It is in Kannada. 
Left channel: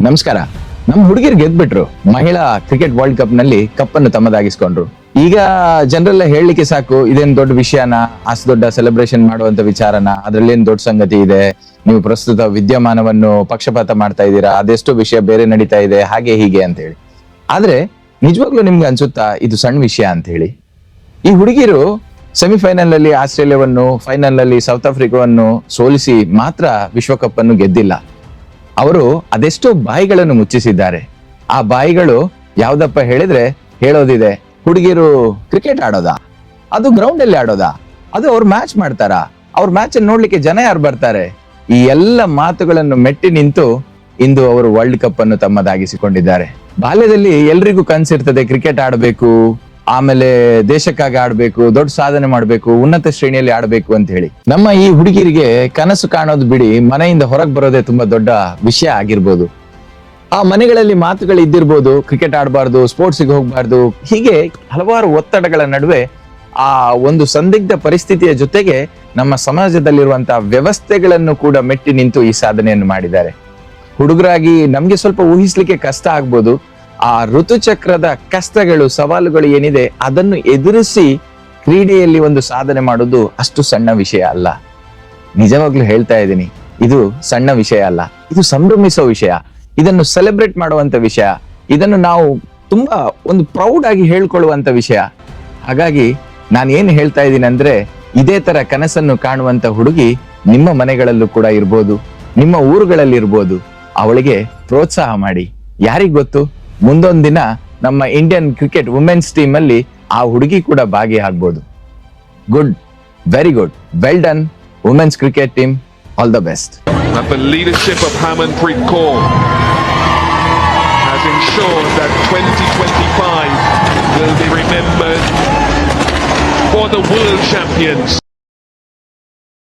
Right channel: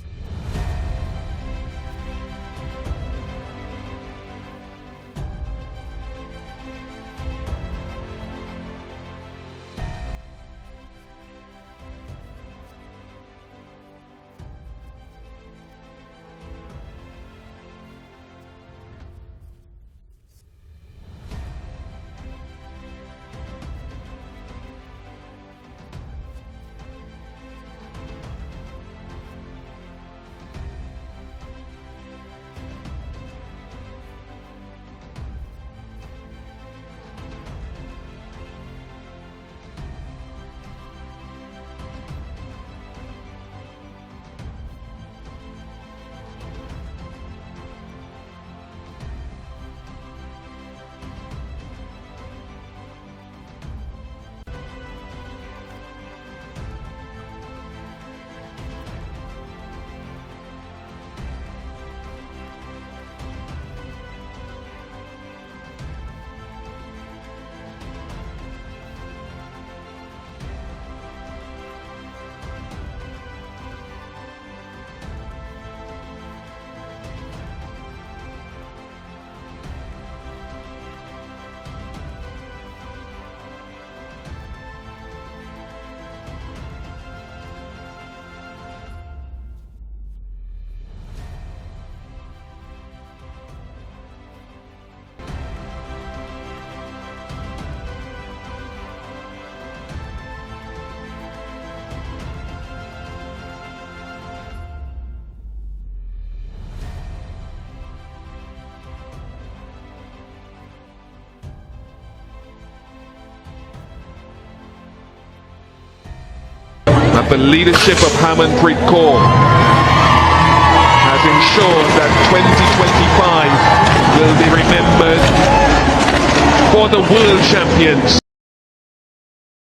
ನಮಸ್ಕಾರ. ನಮ್ಮ ಹುಡುಗಿರು ಗೆದ್ಬಿಟ್ರು. ಮಹಿಳಾ ಕ್ರಿಕೆಟ್ ವರ್ಲ್ಡ್ ಕಪ್ನಲ್ಲಿ ಕಪ್ ಅನ್ನು ತಮ್ಮದಾಗಿಸ್ಕೊಂಡ್ರು. ಈಗ ಜನರೆಲ್ಲ ಹೇಳಲಿಕ್ಕೆ ಸಾಕು, ಇದೇನ್ ದೊಡ್ಡ ವಿಷಯನ? ಅಷ್ಟು ದೊಡ್ಡ ಸೆಲೆಬ್ರೇಷನ್ ಮಾಡುವಂತ ವಿಚಾರನ? ಅದ್ರಲ್ಲಿ ಏನ್ ದೊಡ್ಡ ಸಂಗತಿ ಇದೆ? ನೀವು ಪ್ರಸ್ತುತ ವಿದ್ಯಮಾನವನ್ನು ಪಕ್ಷಪಾತ ಮಾಡ್ತಾ ಇದ್ದೀರಾ? ಅದೆಷ್ಟೋ ವಿಷಯ ಬೇರೆ ನಡೀತಾ ಇದೆ, ಹಾಗೆ ಹೀಗೆ ಅಂತ ಹೇಳಿ ಆದ್ರೆ, ನಿಜವಾಗ್ಲೂ ನಿಮ್ಗೆ ಅನ್ಸುತ್ತಾ, ಇದು ಸಣ್ಣ ವಿಷಯ ಅಂತ ಹೇಳಿ ಈ ಹುಡುಗಿರು ಸೆಮಿಫೈನಲ್ ಅಲ್ಲಿ ಆಸ್ಟ್ರೇಲಿಯಾವನ್ನು ಫೈನಲ್ ಅಲ್ಲಿ ಸೌತ್ ಆಫ್ರಿಕಾವನ್ನು ಸೋಲಿಸಿ ಮಾತ್ರ ವಿಶ್ವಕಪ್ ಅನ್ನು ಗೆದ್ದಿಲ್ಲ. ಅವರು ಅದೆಷ್ಟೋ ಬಾಯಿಗಳನ್ನು ಮುಚ್ಚಿಸಿದ್ದಾರೆ. ಆ ಬಾಯಿಗಳು ಯಾವ್ದಪ್ಪ ಹೇಳಿದ್ರೆ ಹೇಳೋದಿದೆ, ಹುಡುಗಿರು ಕ್ರಿಕೆಟ್ ಆಡೋದಾ? ಅದು ಗ್ರೌಂಡ್ ಅಲ್ಲಿ ಆಡೋದಾ? ಅದು ಅವ್ರು ಮ್ಯಾಚ್ ಮಾಡ್ತಾರಾ? ಅವ್ರ ಮ್ಯಾಚ್ ನೋಡ್ಲಿಕ್ಕೆ ಜನ ಯಾರು ಬರ್ತಾರೆ? ಈ ಎಲ್ಲ ಮಾತುಗಳನ್ನು ಮೆಟ್ಟಿ ನಿಂತು ಇಂದು ಅವರು ವರ್ಲ್ಡ್ ಕಪ್ ಅನ್ನು ತಮ್ಮದಾಗಿಸಿಕೊಂಡಿದ್ದಾರೆ. ಬಾಲ್ಯದಲ್ಲಿ ಎಲ್ರಿಗೂ ಕನ್ಸಿರ್ತದೆ, ಕ್ರಿಕೆಟ್ ಆಡಬೇಕು. ಆಮೇಲೆ ದೇಶಕ್ಕಾಗಿ ಆಡ್ಬೇಕು, ದೊಡ್ಡ ಸಾಧನೆ ಮಾಡ್ಬೇಕು, ಉನ್ನತ ಶ್ರೇಣಿಯಲ್ಲಿ ಆಡ್ಬೇಕು ಅಂತ ಹೇಳಿ. ನಮ್ಮ ಈ ಹುಡುಗಿರಿಗೆ ಕನಸು ಕಾಣೋದು ಬಿಡಿ, ಮನೆಯಿಂದ ಹೊರಗೆ ಬರೋದೇ ತುಂಬಾ ದೊಡ್ಡ ವಿಷಯ ಆಗಿರ್ಬೋದು. ಆ ಮನೆಗಳಲ್ಲಿ ಮಾತುಗಳು ಇದ್ದಿರ್ಬೋದು ಕ್ರಿಕೆಟ್ ಆಡಬಾರ್ದು ಸ್ಪೋರ್ಟ್ಸ್ಗೆ ಹೋಗ್ಬಾರ್ದು, ಹೀಗೆ ಹಲವಾರು ಒತ್ತಡಗಳ ನಡುವೆ ಆ ಒಂದು ಸಂದಿಗ್ಧ ಪರಿಸ್ಥಿತಿಯ ಜೊತೆಗೆ ನಮ್ಮ ಸಮಾಜದಲ್ಲಿರುವಂತಹ ವ್ಯವಸ್ಥೆಗಳನ್ನು ಕೂಡ ಮೆಟ್ಟಿ ನಿಂತು ಈ ಸಾಧನೆಯನ್ನು ಮಾಡಿದ್ದಾರೆ. ಹುಡುಗರಾಗಿ ನಮ್ಗೆ ಸ್ವಲ್ಪ ಊಹಿಸ್ಲಿಕ್ಕೆ ಕಷ್ಟ ಆಗ್ಬೋದು ಆ ಋತುಚಕ್ರದ ಕಷ್ಟಗಳು, ಸವಾಲುಗಳು ಏನಿದೆ, ಅದನ್ನು ಎದುರಿಸಿ ಕ್ರೀಡೆಯಲ್ಲಿ ಒಂದು ಸಾಧನೆ ಮಾಡೋದು ಅಷ್ಟು ಸಣ್ಣ ವಿಷಯ ಅಲ್ಲ. ನಿಜವಾಗ್ಲೂ ಹೇಳ್ತಾ ಇದ್ದೀನಿ, ಇದು ಸಣ್ಣ ವಿಷಯ ಅಲ್ಲ. ಇದು ಸಂಭ್ರಮಿಸೋ ವಿಷಯ. ಇದನ್ನು ಸೆಲೆಬ್ರೇಟ್ ಮಾಡುವಂತ ವಿಷಯ. ಇದನ್ನು ನಾವು ತುಂಬಾ ಒಂದು ಪ್ರೌಡ್ ಆಗಿ ಹೇಳ್ಕೊಳ್ಳುವಂತ ವಿಷಯ. ಹಾಗಾಗಿ ನಾನು ಏನು ಹೇಳ್ತಾ ಇದ್ದೀನಿ ಅಂದ್ರೆ, ಇದೇ ತರ ಕನಸನ್ನು ಕಾಣುವಂತ ಹುಡುಗಿ ನಿಮ್ಮ ಮನೆಗಳಲ್ಲೂ ಕೂಡ ಇರ್ಬೋದು, ನಿಮ್ಮ ಊರುಗಳಲ್ಲಿ ಇರ್ಬೋದು ಅವಳಿಗೆ ಪ್ರೋತ್ಸಾಹ ಮಾಡಿ. ಯಾರಿಗ್ ಗೊತ್ತು? ಮುಂದೊಂದು ದಿನ ನಮ್ಮ ಇಂಡಿಯನ್ ಕ್ರಿಕೆಟ್ ವುಮೆನ್ಸ್ ಟೀಮ್ ಅಲ್ಲಿ ಆ ಹುಡುಗಿ ಕೂಡ ಭಾಗಿಯಾಗ್ಬೋದು. Good very good well done women's cricket team all the best leadership of Harmanpreet Kaur has ensured that 2025 for the 월드 champions